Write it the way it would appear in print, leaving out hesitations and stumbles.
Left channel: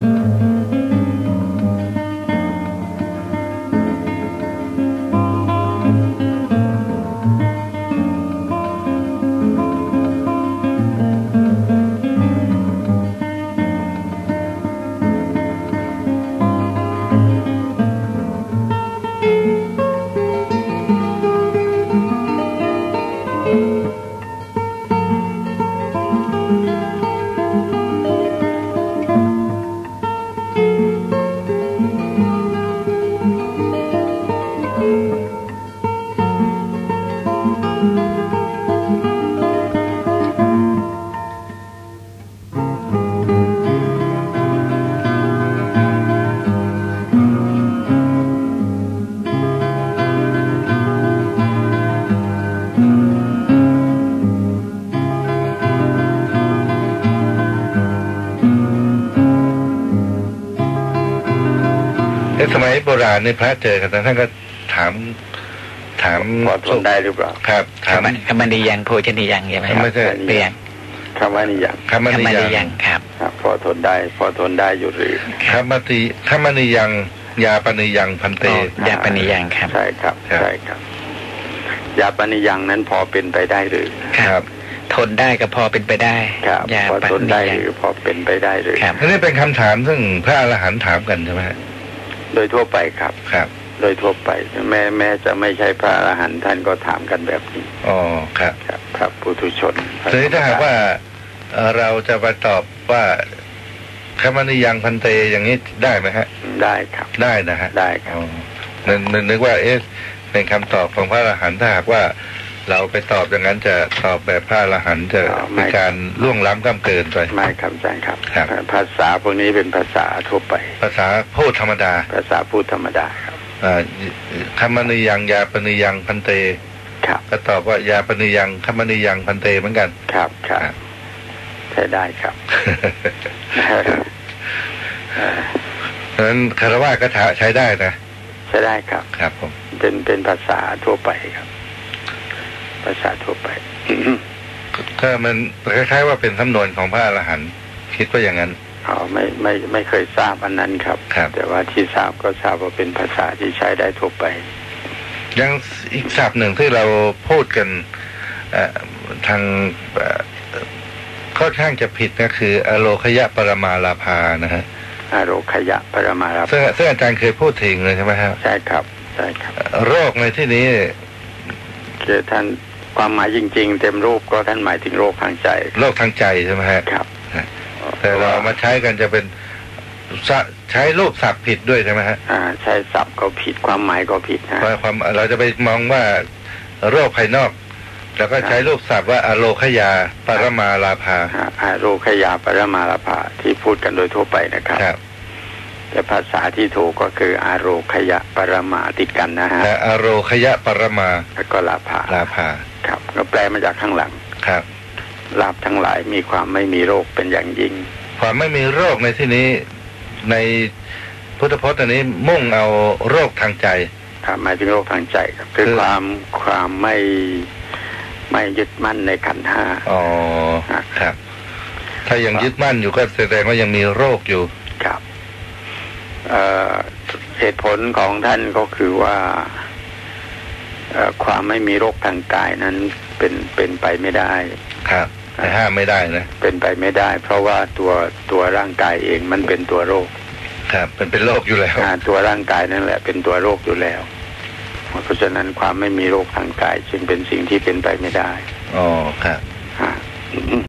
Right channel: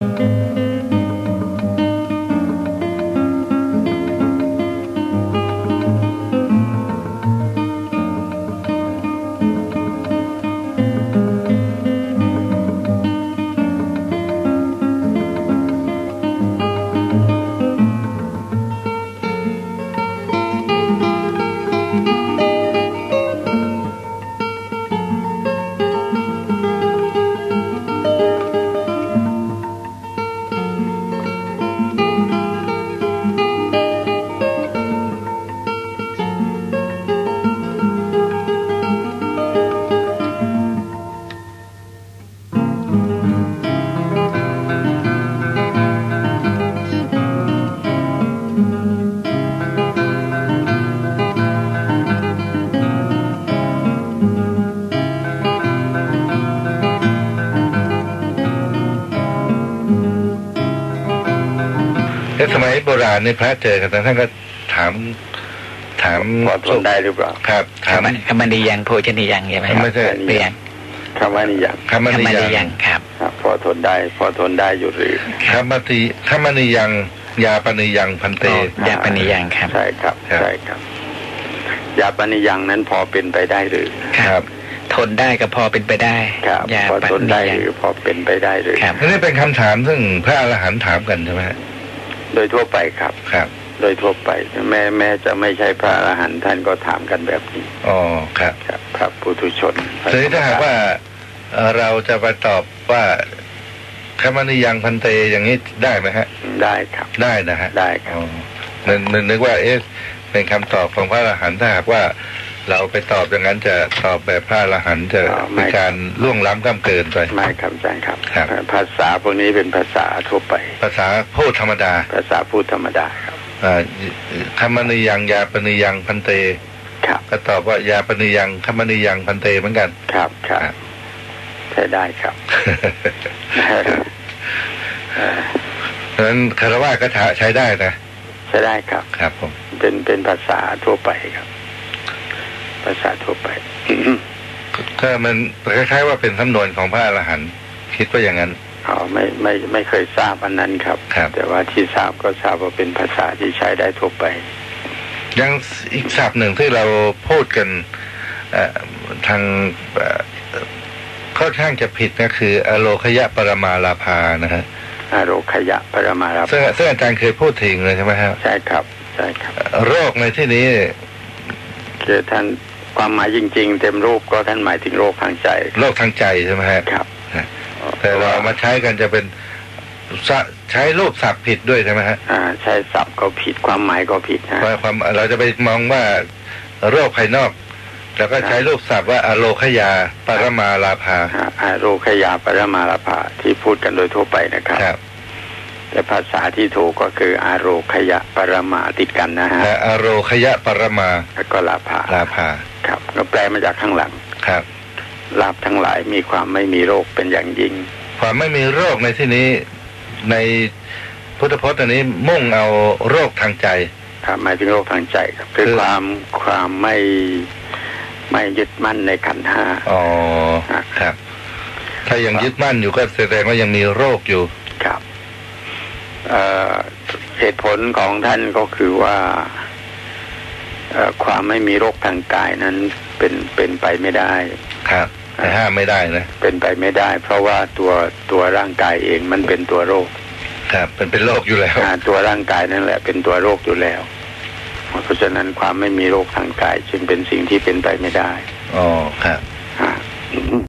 สมัยโบราณในพระเจอกันท่านก็ถามพอทนได้หรือเปล่าครับถามคำนิยังโภชนิยังใช่ไหมไม่ใช่เปลี่ยนคำว่านิยังคำนิยังครับพอทนได้อยู่หรือคำนิยังยาปนิยังพันเตยาปนิยังครับใช่ครับยาปนิยังนั้นพอเป็นไปได้หรือครับทนได้ก็พอเป็นไปได้พอทนได้หรือพอเป็นไปได้หรือนี่เป็นคำถามซึ่งพระอรหันต์ถามกันใช่ไหมโดยทั่วไปครับโดยทั่วไปแม้จะไม่ใช่พระอรหันต์ท่านก็ถามกันแบบนี้อ๋อครับครับปุถุชนทีนี้ถ้าหากว่าเราจะไปตอบว่าคำนิยังพันเตอย่างนี้ได้ไหมฮะได้ครับได้นะฮะได้ครับนึกว่าเป็นคำตอบของพระอรหันต์ถ้าหากว่าเราไปตอบอย่างนั้นจะตอบแบบพระอรหันต์จะมีการล่วงล้ำก้ำเกินไปไม่ครับอาจารย์ครับภาษาพวกนี้เป็นภาษาทั่วไปภาษาพูดธรรมดาภาษาพูดธรรมดาครับคำนิยังยาปนิยังพันเตก็ตอบว่ายาปนิยังคำนิยังพันเตเหมือนกันครับใช้ได้ครับเพราะฉะนั้นคารวะก็ใช้ได้นะใช้ได้ครับครับผมเป็นภาษาทั่วไปครับภาษาทั่วไปถ้ามันคล้ายๆว่าเป็นสำนวนของพระอรหันต์คิดว่าอย่างนั้นไม่เคยทราบอันนั้นครับแต่ว่าที่ทราบก็ทราบว่าเป็นภาษาที่ใช้ได้ทั่วไปยังอีกศัพท์หนึ่งที่เราพูดกันทางค่อนข้างจะผิดก็คืออโลคยะปรมาลาภานะฮะอโลคยะปรมาลาภาซึ่งอาจารย์เคยพูดถึงเลยใช่ไหมครับใช่ครับโรคในที่นี้คือท่านความหมายจริงๆเต็มรูปก็ท่านหมายถึงโรคทางใจโรคทางใจใช่ไหมครับแต่เรามาใช้กันจะเป็นใช้รูปศัพท์ผิดด้วยใช่ไหมฮะใช้ศัพท์ก็ผิดความหมายก็ผิดนะความเราจะไปมองว่าโรคภายนอกแล้วก็ใช้รูปศัพท์ว่าอโลคยาปรมาลาภาอโลคยาปรมาลาภาที่พูดกันโดยทั่วไปนะครับแต่ภาษาที่ถูกก็คืออโลคยะปรมาติดกันนะฮะอโลคยะปรมาแล้วก็ลาภาครับก็แปลมาจากข้างหลังครับลาภทั้งหลายมีความไม่มีโรคเป็นอย่างยิ่งความไม่มีโรคในที่นี้ในพุทธพจน์อันนี้มุ่งเอาโรคทางใจหมายถึงโรคทางใจครับคือความไม่ยึดมั่นในขันธ์ห้าอ๋อครับถ้ายังยึดมั่นอยู่ก็แสดงว่ายังมีโรคอยู่ครับเหตุผลของท่านก็คือว่าความไม่มีโรคทางกายนั้นเป็นไปไม่ได้ครับห้ามไม่ได้นะเป็นไปไม่ได้เพราะว่าตัวร่างกายเองมันเป็นตัวโรคครับเป็นโรคอยู่แล้วตัวร่างกายนั่นแหละเป็นตัวโรคอยู่แล้วเพราะฉะนั้นความไม่มีโรคทางกายจึงเป็นสิ่งที่เป็นไปไม่ได้อ๋อครับ